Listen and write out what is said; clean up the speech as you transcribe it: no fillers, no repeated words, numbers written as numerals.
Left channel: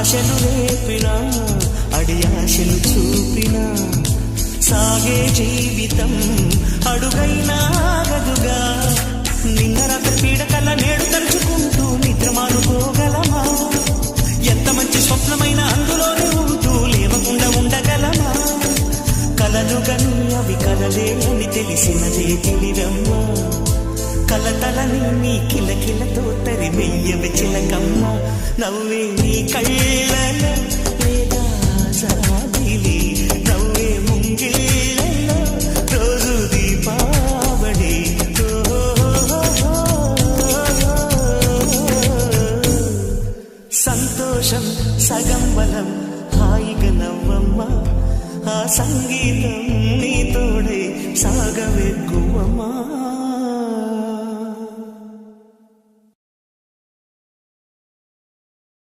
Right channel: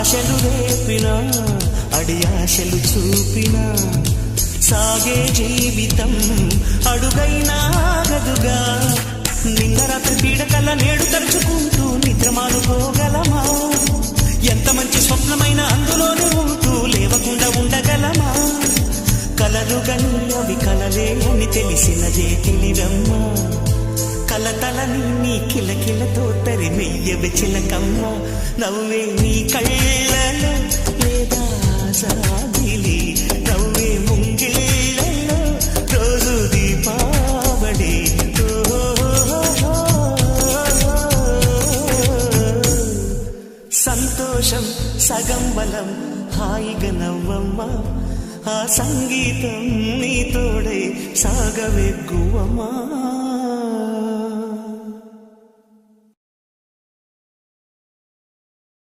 ఆశలు రేపినా అడియాశలు చూపినా సాగే జీవితం అడుగైనా ఆగదుగా. నిన్న రాత్రి పీడకల నేడు తలుచుకుంటూ నిద్రమానుకోగలమా? ఎంత మంచి స్వప్నమైన అందులోనే ఉంటూ లేవకుండా ఉండగలమా? కలలు గని అవి కలలే అని తెలిసినదే తెలివమ్మా. కలతలని నీ కిలకిలతో తరిమెయ్యవి చిలకమ్మ. నవ్వే నీ కళ్ళలో లేదా జాబిలి, నవ్వే ముంగిళ్ళలో రోజు దీపావళి. సంతోషం సగం బలం హాయిగా నవ్వమ్మా. ఆ సంగీతం నీ తోడై సాగవెగ్గువమ్మా.